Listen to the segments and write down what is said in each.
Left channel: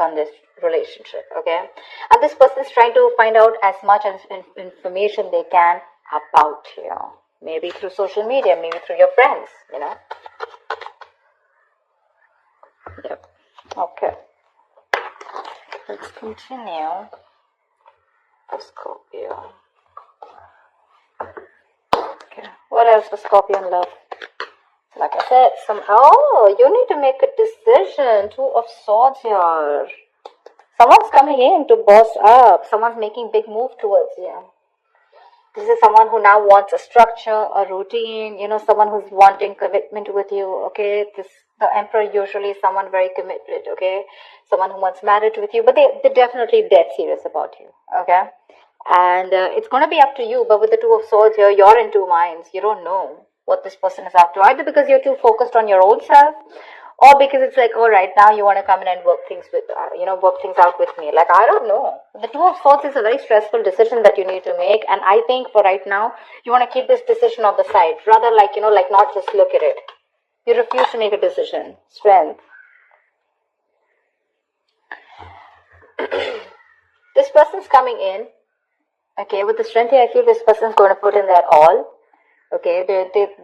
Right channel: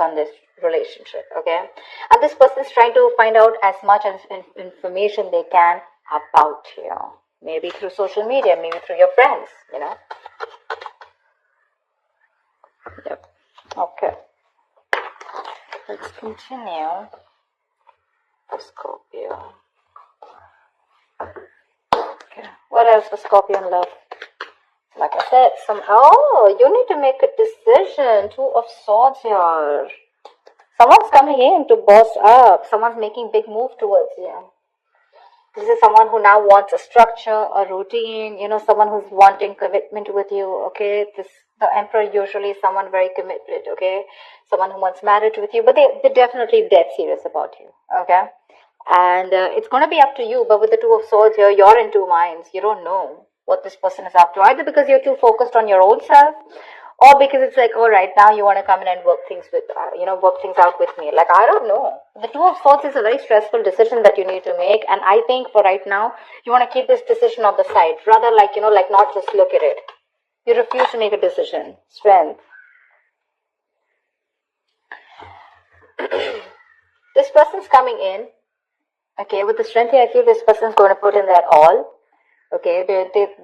on this relationship, okay? And this person is trying to find out as much as information they can about you. Maybe through social media, maybe through your friends, Yep. Okay. Let's continue. Scorpio. Okay. What else for Scorpio in love? Like I said, you need to make a decision. Two of Swords here. Someone's coming in to boss up. Someone's making big move towards you. This is someone who now wants a structure, a routine, someone who's wanting commitment with you, okay? The Emperor usually is someone very committed, okay? Someone who wants marriage with you, but they're definitely dead serious about you, okay? And it's going to be up to you, but with the Two of Swords here, you're in two minds. You don't know what this person is up to, either because you're too focused on your own self, or because it's like, all right, now you want to come in and work things out with me. Like, I don't know. The Two of Swords is a very stressful decision that you need to make, and I think for right now, you want to keep this decision on the side, rather like not just look at it. You refuse to make a decision. Strength. This person's coming in. Okay, with the strength here, I feel this person's going to put in their all. Okay,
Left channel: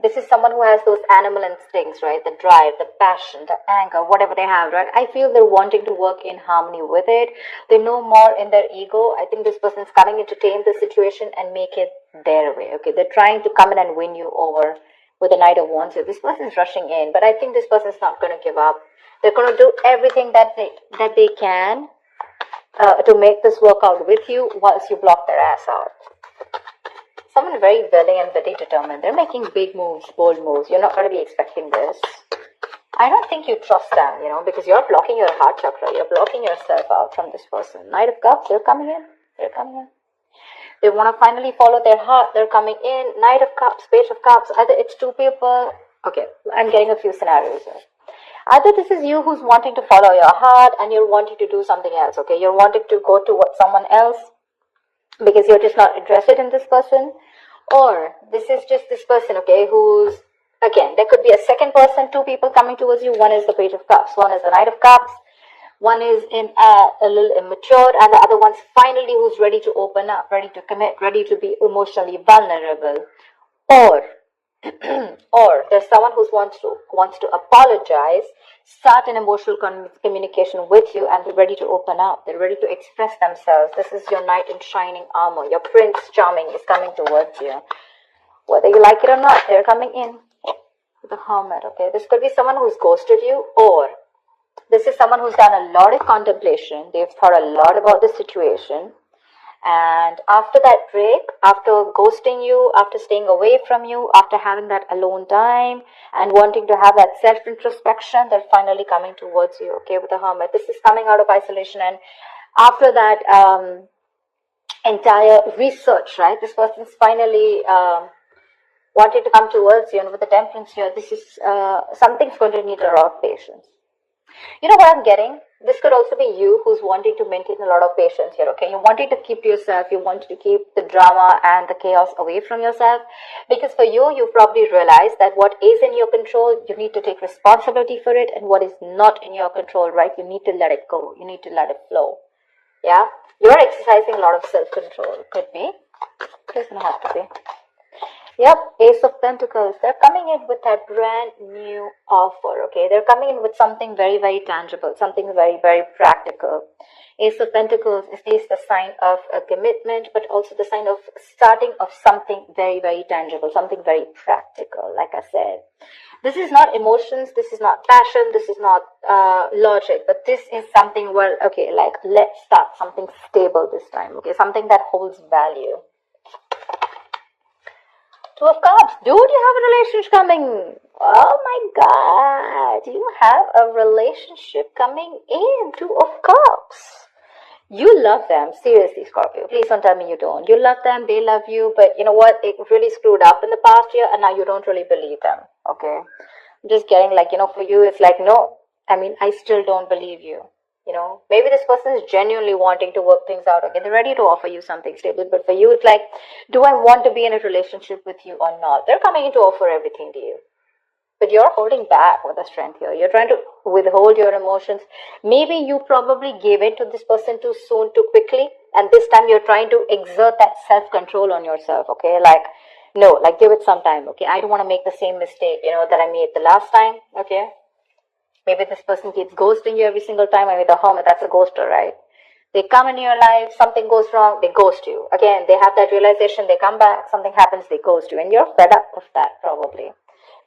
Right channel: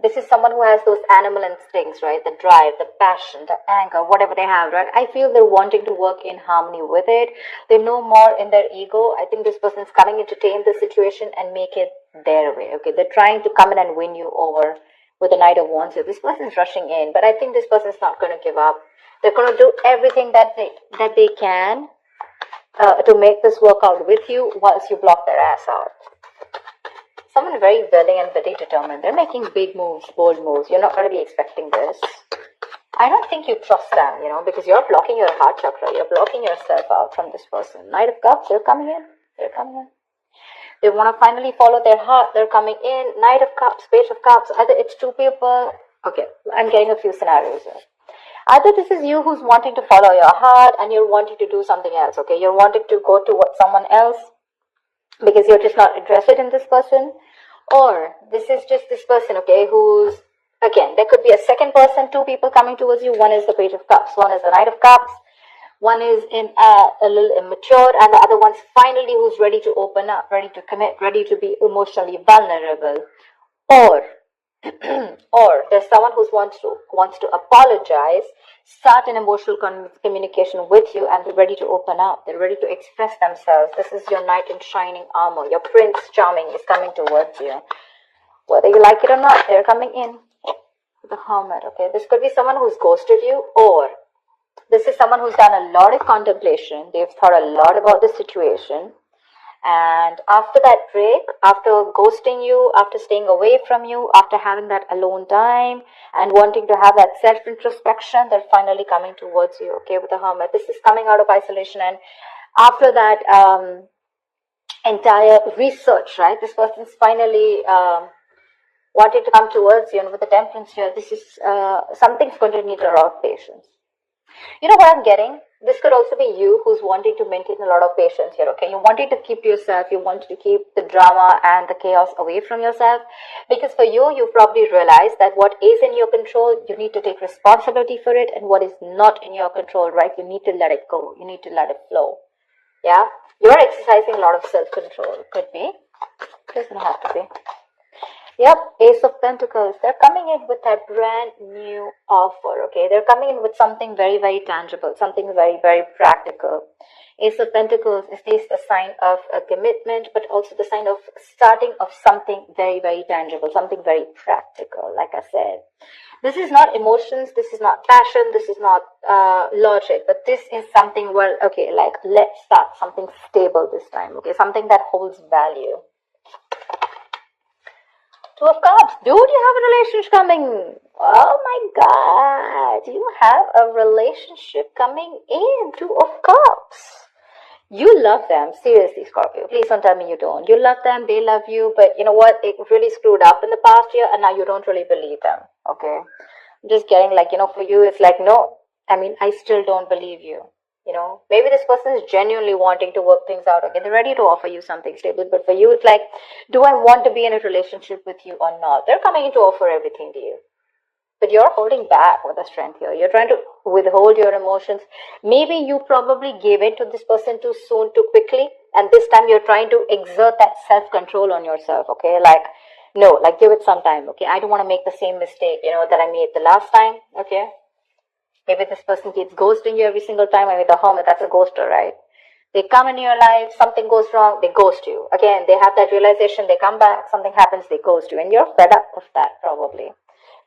this is someone who has those animal instincts, right? The drive, the passion, the anger, whatever they have, right? I feel they're wanting to work in harmony with it. They know more in their ego. I think this person's coming in to tame the situation and make it their way. Okay, they're trying to come in and win you over with the Knight of Wands. So this person's rushing in, but I think this person's not going to give up. They're going to do everything that they can to make this work out with you once you block their ass out. Someone very willing and very determined. They're making big moves, bold moves. You're not going to be expecting this. I don't think you trust them, because you're blocking your heart chakra. You're blocking yourself out from this person. Knight of Cups, they're coming in. They're coming in. They want to finally follow their heart. They're coming in. Knight of Cups, Page of Cups. Either it's two people. Okay, I'm getting a few scenarios here. Either this is you who's wanting to follow your heart and you're wanting to do something else, okay? You're wanting to go to someone else because you're just not interested in this person. Or this is just this person, okay, who's, again, there could be a second person, two people coming towards you. One is the Page of Cups, one is the Knight of Cups, one is a little immature, and the other one's finally who's ready to open up, ready to commit, ready to be emotionally vulnerable. Or there's someone who wants to apologize, start an emotional communication with you, and they're ready to open up. They're ready to express themselves. This is your knight in shining armor. Your Prince Charming is coming towards you. Whether you like it or not, they're coming in. The Hermit, okay? This could be someone who's ghosted you, or this is someone who's done a lot of contemplation. They've thought a lot about the situation. And after that break, after ghosting you, after staying away from you, after having that alone time and wanting to have that self-introspection, they're finally coming towards you, okay, with the Hermit. This is coming out of isolation, and after that entire research, right, this person's finally wanting to come towards you, and with the Temperance here, this is something's going to need a lot of patience. You know what I'm getting? This could also be you who's wanting to maintain a lot of patience here, okay? You're wanting to keep to yourself. You want to keep the drama and the chaos away from yourself. Because for you, you probably realize that what is in your control, you need to take responsibility for it. And what is not in your control, right, you need to let it go. You need to let it flow. Yeah? You're exercising a lot of self-control. Could be. Doesn't have to be. Yeah, Ace of Pentacles. They're coming in with that brand new offer, okay? They're coming in with something very, very tangible, something very, very practical. Ace of Pentacles is the sign of a commitment, but also the sign of starting of something very, very tangible, something very practical, like I said. This is not emotions, this is not passion, this is not logic, but this is something, well, okay, like let's start something stable this time, okay? Something that holds value. Two of Cups. Dude, you have a relationship coming. Oh my God. You have a relationship coming in. Two of Cups. You love them. Seriously, Scorpio. Please don't tell me you don't. You love them. They love you. But you know what? They really screwed up in the past year and now you don't really believe them. Okay. I'm just getting like, for you, it's like, no. I still don't believe you. Maybe this person is genuinely wanting to work things out. Okay, they're ready to offer you something stable, but for you, it's like, do I want to be in a relationship with you or not? They're coming in to offer everything to you, but But you're holding back with the strength here. You're trying to withhold your emotions. Maybe you probably gave in to this person too soon, too quickly. And this time you're trying to exert that self-control on yourself, okay? Like, no, like give it some time, okay? I don't want to make the same mistake, that I made the last time, okay? Maybe this person keeps ghosting you every single time. Maybe the hermit, that's a ghoster, right? They come into your life, something goes wrong, they ghost you. Again, they have that realization, they come back, something happens, they ghost you. And you're fed up of that, probably.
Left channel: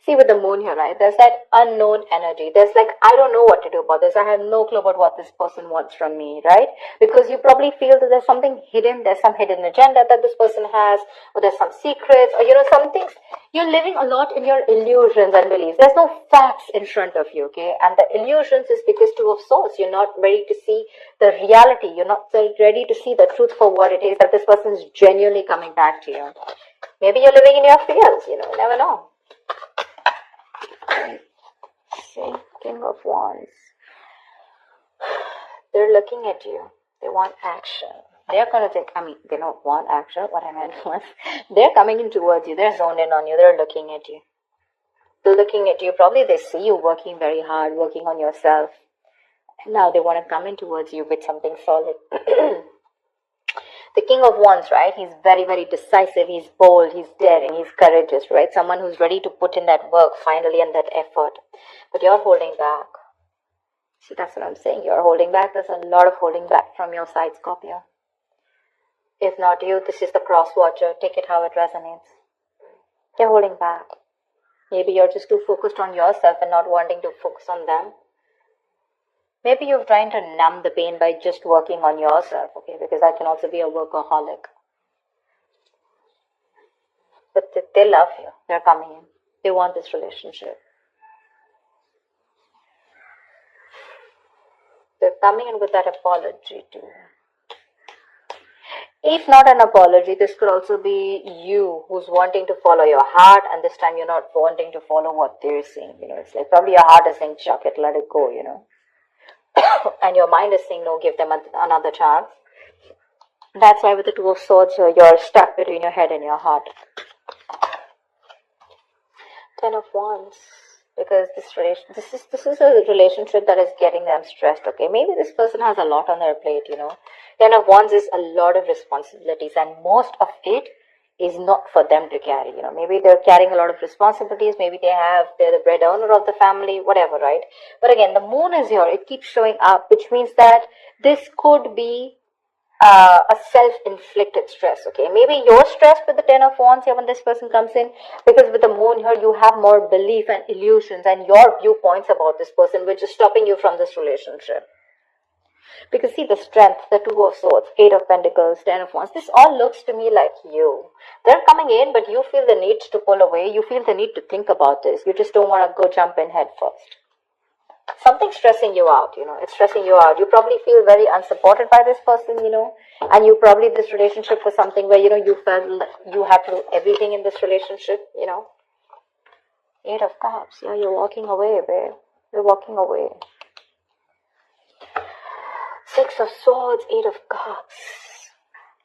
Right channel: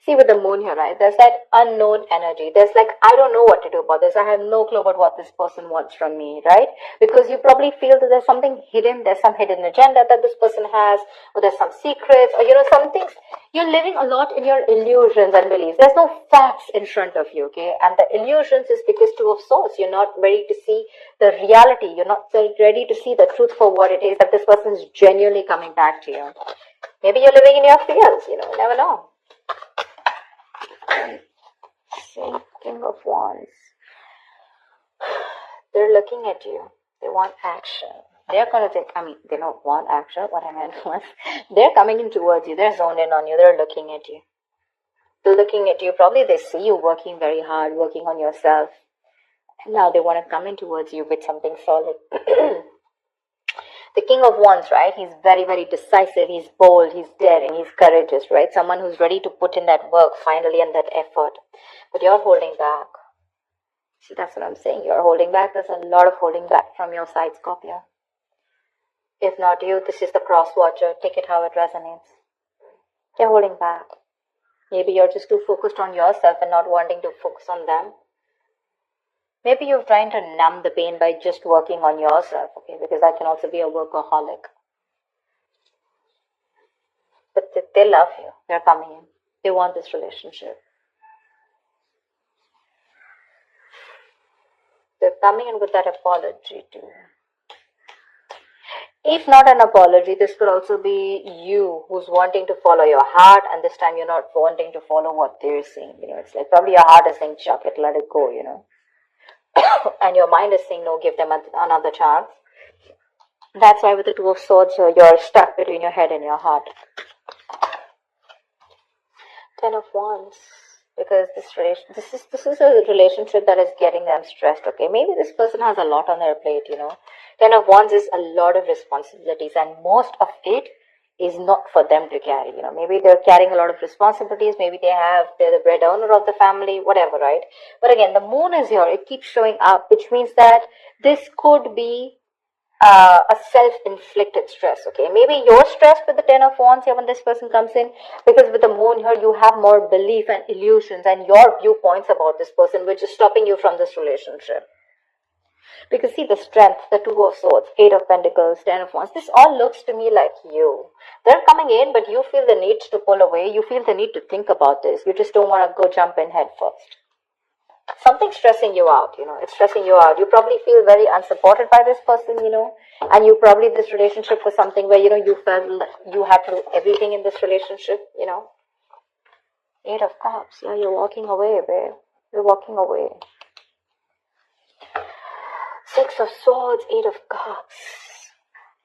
See, with the moon here, right? There's that unknown energy. There's like, I don't know what to do about this. I have no clue about what this person wants from me, right? Because you probably feel that there's something hidden, there's some hidden agenda that this person has, or there's some secrets, or some things. You're living a lot in your illusions and beliefs. There's no facts in front of you, okay? And the illusions is because Two of Swords. You're not ready to see the reality. You're not ready to see the truth for what it is, that this person is genuinely coming back to you. Maybe you're living in your fears, you never know. See, King of Wands. They're looking at you. They want action. They're going to take, they don't want action. What I meant was, they're coming in towards you. They're zoned in on you. They're looking at you. They're looking at you. Probably they see you working very hard, working on yourself. And now they want to come in towards you with something solid. The King of Wands, right? He's very, very decisive. He's bold. He's daring. He's courageous, right? Someone who's ready to put in that work finally and that effort. But you're holding back. See, that's what I'm saying. You're holding back. There's a lot of holding back from your side, Scorpio. If not you, this is the cross watcher. Take it how it resonates. You're holding back. Maybe you're just too focused on yourself and not wanting to focus on them. Maybe you're trying to numb the pain by just working on yourself, okay? Because I can also be a workaholic. But they love you. They're coming in. They want this relationship. They're coming in with that apology too. If not an apology, this could also be you who's wanting to follow your heart, and this time you're not wanting to follow what they're saying. It's like probably your heart is saying, chuck it, let it go, and your mind is saying, no, give them another chance. That's why with the Two of Swords, you're stuck between your head and your heart. Ten of Wands, because this is a relationship that is getting them stressed, okay? Maybe this person has a lot on their plate, Ten of Wands is a lot of responsibilities, and most of it is not for them to carry, Maybe they're carrying a lot of responsibilities, maybe they're the breadwinner of the family, whatever, right? But again, the moon is here, it keeps showing up, which means that this could be a self-inflicted stress, okay? Maybe you're stressed with the Ten of Wands here when this person comes in, because with the moon here, you have more belief and illusions and your viewpoints about this person, which is stopping you from this relationship. Because see the strength, the Two of Swords, Eight of Pentacles, Ten of Wands, this all looks to me like you. They're coming in, but you feel the need to pull away. You feel the need to think about this. You just don't want to go jump in head first. Something's stressing you out, it's stressing you out. You probably feel very unsupported by this person, and you probably, this relationship was something where, you felt like you had to do everything in this relationship, Eight of Cups, yeah, you're walking away, babe. You're walking away. Six of Swords, Eight of Cups.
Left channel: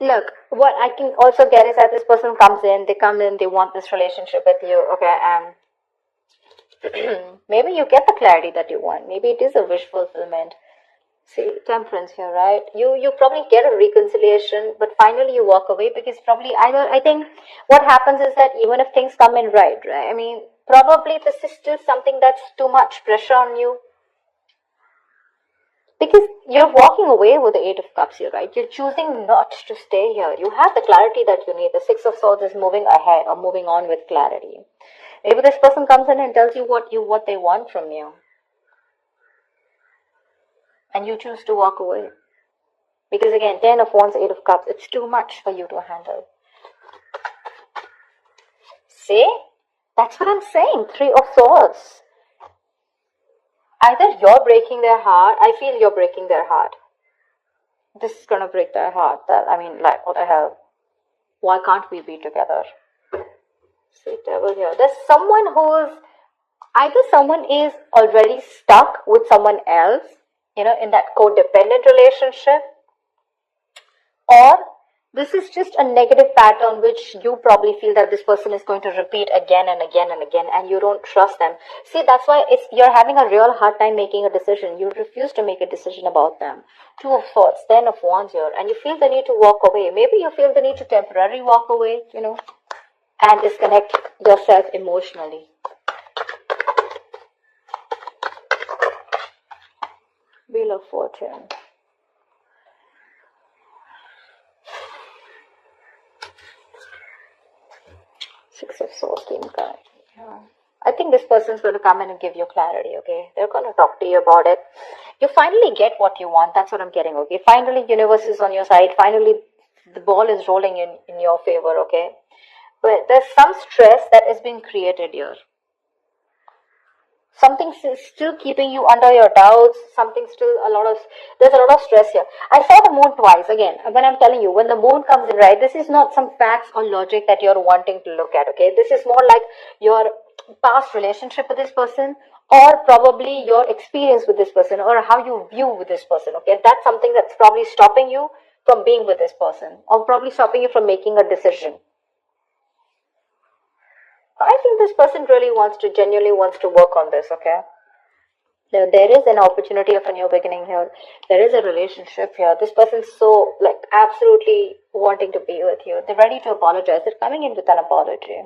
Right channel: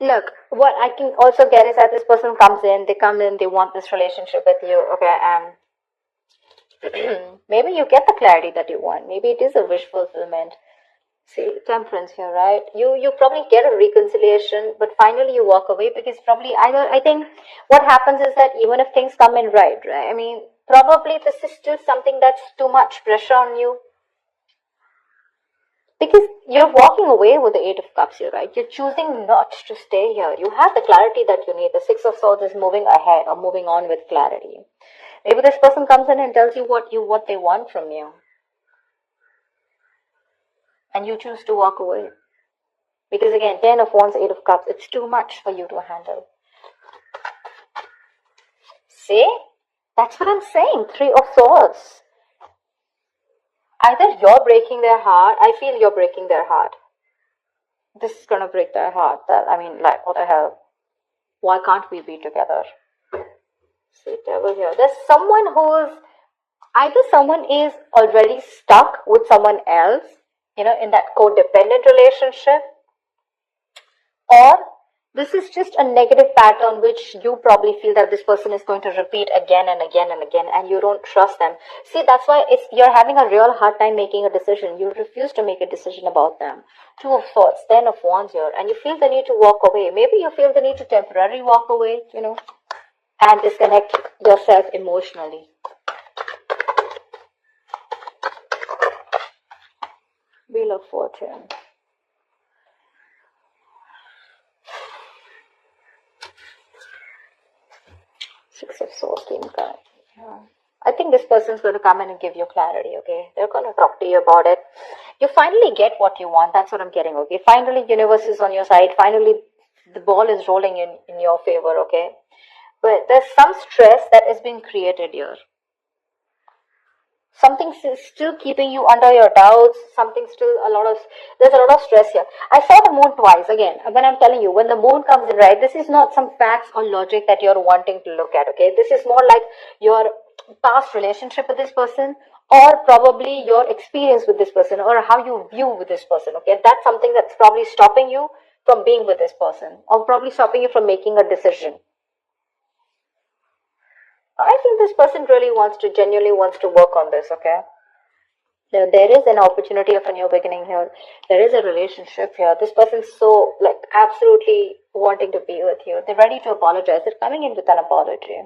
Look, what I can also get is that this person comes in, they want this relationship with you, okay, maybe you get the clarity that you want. Maybe it is a wish fulfillment. See, Temperance here, right? You probably get a reconciliation, but finally you walk away because probably, I think what happens is that even if things come in right? Probably this is still something that's too much pressure on you. Because you're walking away with the Eight of Cups here, right? You're choosing not to stay here. You have the clarity that you need. The Six of Swords is moving ahead or moving on with clarity. Maybe this person comes in and tells you what they want from you. And you choose to walk away. Because again, Ten of Wands, Eight of Cups, it's too much for you to handle. See? That's what I'm saying. Three of Swords. Either you're breaking their heart, I feel you're breaking their heart. This is gonna break their heart. What the hell? Why can't we be together? See, devil here. There's someone either someone is already stuck with someone else, in that codependent relationship, or This is just a negative pattern which you probably feel that this person is going to repeat again and again and again, and you don't trust them. See, that's why you're having a real hard time making a decision. You refuse to make a decision about them. Two of Swords, Ten of Wands here, and you feel the need to walk away. Maybe you feel the need to temporarily walk away, and disconnect yourself emotionally. Wheel of Fortune. Six of Swords came back. I think this person's going to come in and give you clarity, okay? They're going to talk to you about it. You finally get what you want. That's what I'm getting, okay? Finally, universe is on your side. Finally, the ball is rolling in your favor, okay? But there's some stress that is being created here. Something's still keeping you under your doubts. There's a lot of stress here. I saw the moon twice. Again, when I'm telling you, when the moon comes in, right, this is not some facts or logic that you're wanting to look at, okay? This is more like your past relationship with this person, or probably your experience with this person, or how you view with this person, okay? That's something that's probably stopping you from being with this person, or probably stopping you from making a decision. I think this person really genuinely wants to work on this, okay? There is an opportunity of a new beginning here. There is a relationship here. This person's so, absolutely wanting to be with you. They're ready to apologize. They're coming in with an apology.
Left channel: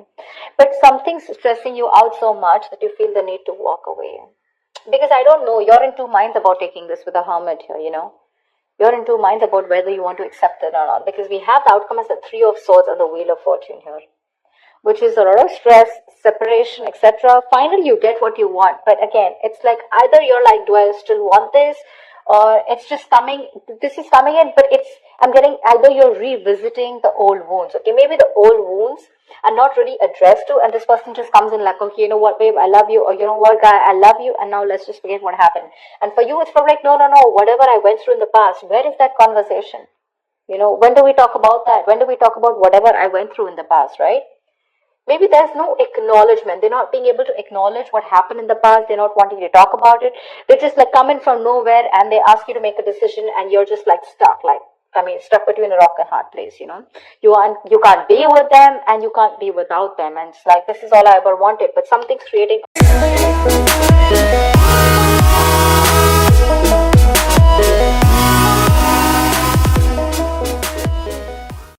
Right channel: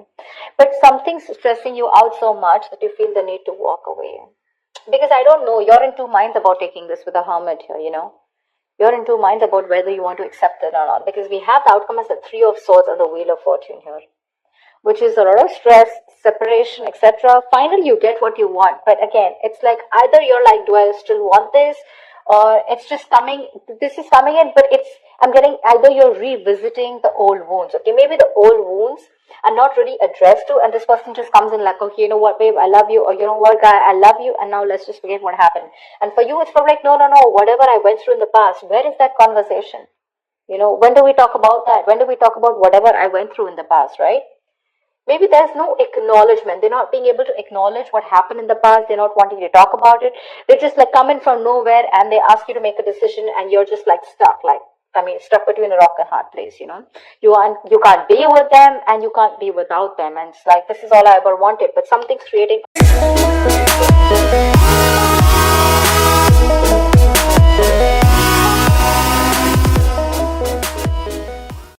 But something's stressing you out so much that you feel the need to walk away. Because I don't know, you're in two minds about taking this with a hermit here, You're in two minds about whether you want to accept it or not. Because we have the outcome as the Three of Swords and the Wheel of Fortune here, which is a lot of stress, separation, etc. Finally, you get what you want. But again, it's like either you're like, do I still want this? Or it's just coming, this is coming in, but I'm getting either you're revisiting the old wounds. Okay, maybe the old wounds are not really addressed to, and this person just comes in like, okay, you know what, babe, I love you, or you know what, guy, I love you, and now let's just forget what happened. And for you, it's from like, no, whatever I went through in the past, where is that conversation? When do we talk about that? When do we talk about whatever I went through in the past, right? Maybe there's no acknowledgement. They're not being able to acknowledge what happened in the past. They're not wanting to talk about it. They just come in from nowhere and they ask you to make a decision, and you're just stuck, stuck between a rock and hard place, You can't be with them and you can't be without them. And it's like, this is all I ever wanted, but something's creating